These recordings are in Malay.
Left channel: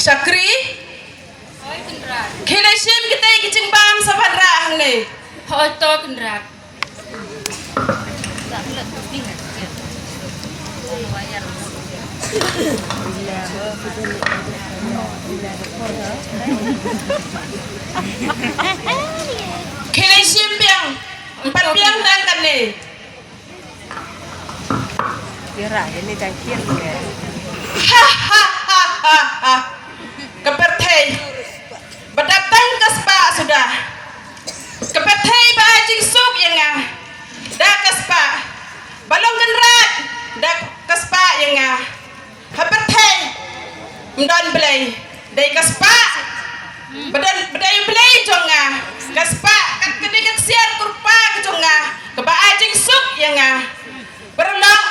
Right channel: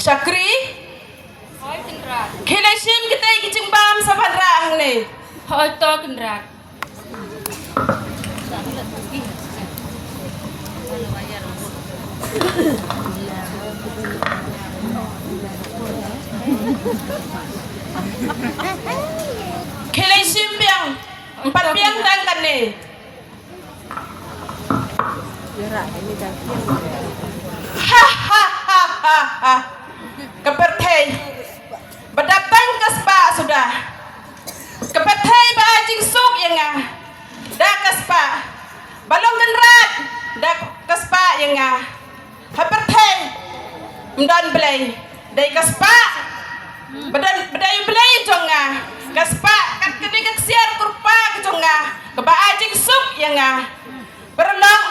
Syakri Kena sim kita kicing bam sabadra hang ni. Hoi to kendrat. Kena sim biang empat biang tang kan ni. Kira ini dah kian. Ha ha ha ha ha. Kepertai berdatang ke spa sudah. Kepertai bajing suk yang ngah. Dah ke spa. Balong genrat. Dah ke spa yang ngah. Kepertai mdon belai. Dai ke spa. Bedai belai jonga. Ke spa kat kedai ke siar kurpa ke jonga. Ke bajing suk yang ngah. Berlong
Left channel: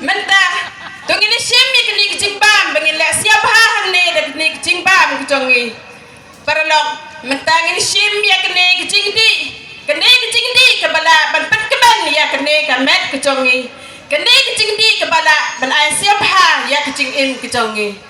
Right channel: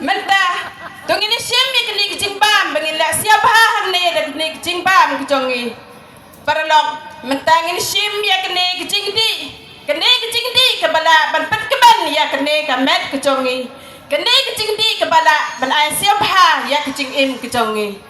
mentah. Tung ini siami kini kecing bam bangila siap hang ni dak ni kecing bam kejongi. Paralog mentang ini siami kini kecing di kebala ban pet keban ya kini kamet kejongi. Kini kecing di kebala ban ai siap ha ya kecing im kejongi.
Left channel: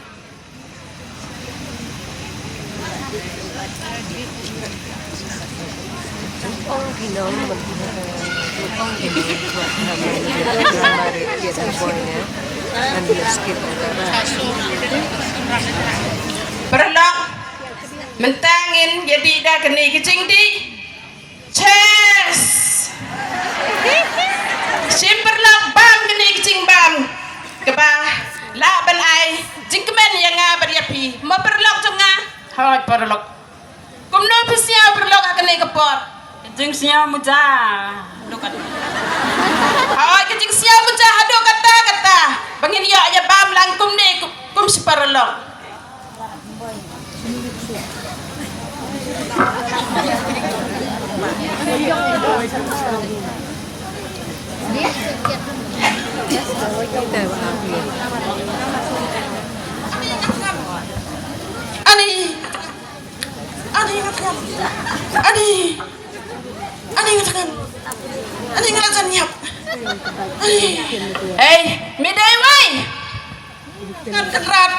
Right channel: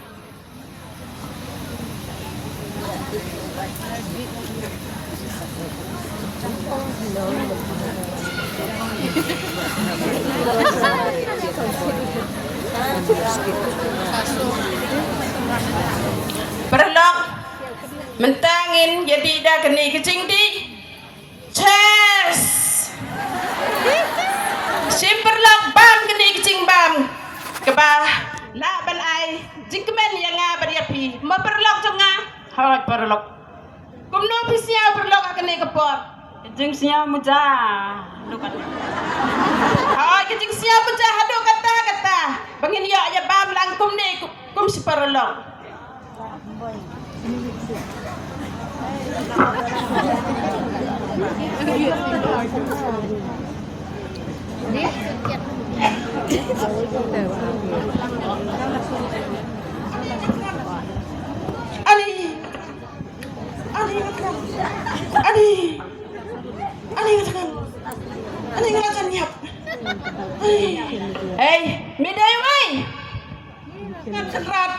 Perlok mentangin jadi dah keni kecing di chess sim perlok bam keni kecing bam kebah la ban ai jingkemen yang ngabar yapi mau perlok jonga hot perlok kumno pisia perlok keni kepot jing sia muja lukat oh kecing sia muja hado kata bangin ya aja bam langkum ni kum seperlok. Ani ngalasan nyap. Hey, midai wai. Ngan kerat.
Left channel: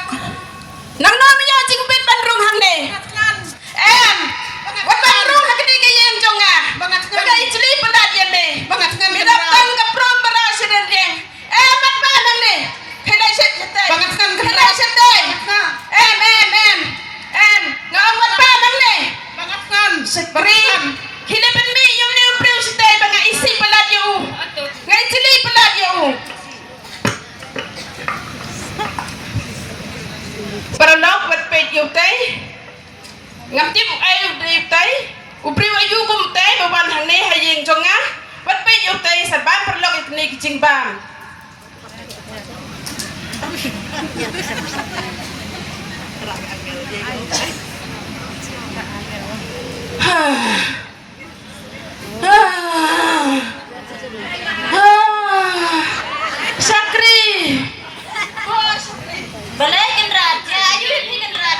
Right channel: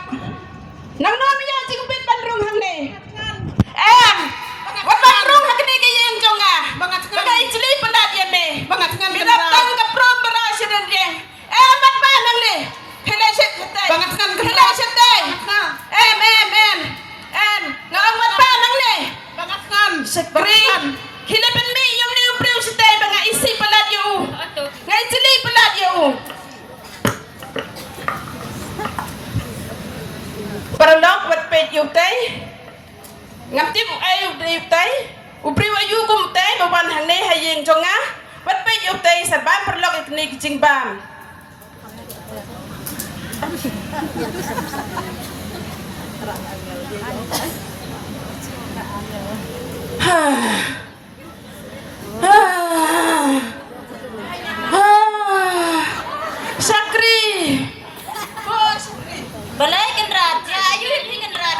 Nang nama ya cing pit bandrung hang ni. Wat bandrung hang ni kaya yang jonga. Baga ijli pendat yan be. Midaptan ke prom berasa dan dia. Mat ba nang ni. Helai set setai. Helai setai. Ngawang wat ba nang ni. Sekri. Hilapan mi yung ni upriw setai banga isi pelat yu. Ngai ijli pelat yu. Paralog wat pet yu tay. Ngaptip ayu day tay. Upriw ayu kum tay bawan hang ni hayeng jonga. Wat pet yu tay sarban paralog ikni kicing bam. Syakri. Balai kendrat. Ya ayu ini kendrat.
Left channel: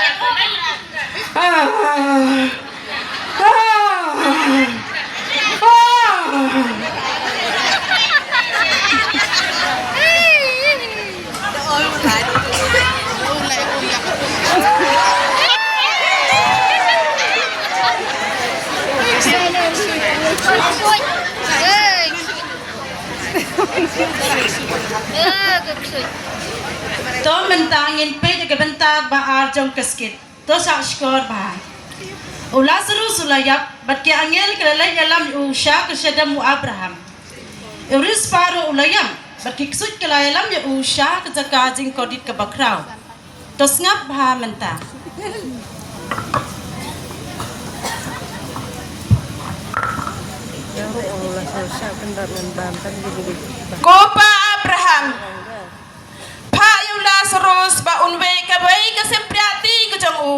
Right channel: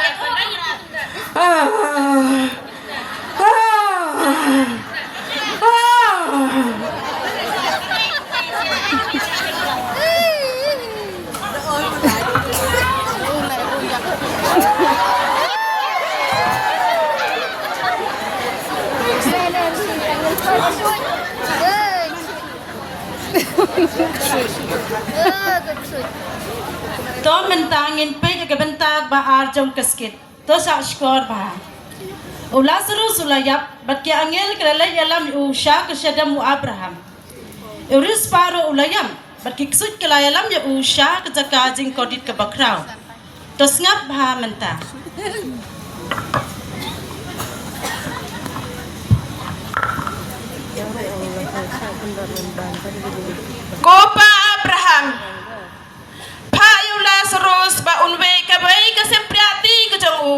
To mentangin pe juga bentag baar jong keskit. To sa skor ba. Ula seru sulayap bat ki angel kelala yalam usha kesedam Abraham. Euris paro ulayam bat ki ksut kelayalam ya usha kejaka jing kodit ke bakrau. To ngap ba mentang. Kopa Abraham. Pa yung Lazarus ba unwe kabay kasempriati ko jang u.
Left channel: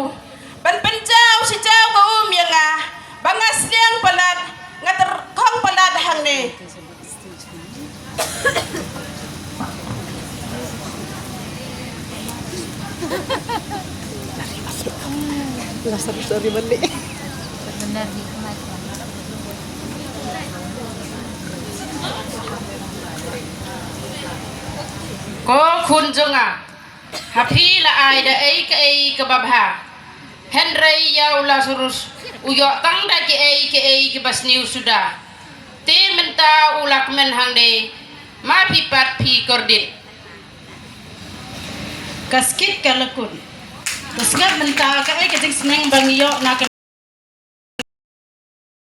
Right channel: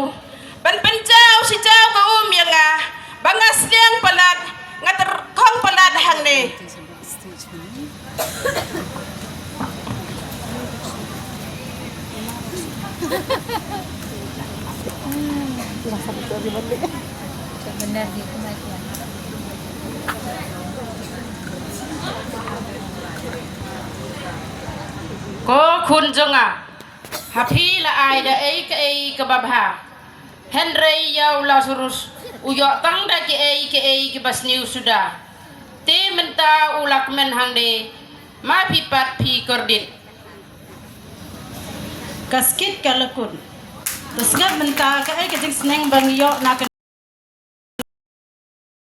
Ban penjau si jauh ka yang ah. Bangas yang palat ngater kong palat hang ni. Lazarus dari balik. Benar gitu mas. Ko kun jonga. Hapi la ai da ai ke ai ke babha. Henry yau Lazarus uyok tang da ke ai ke basniu sudah. Te menta ulak men hangde ma pipat pi kordit. Kaskit kalakun. Terus ngat menta ka ai ke jing seneng bang yo nak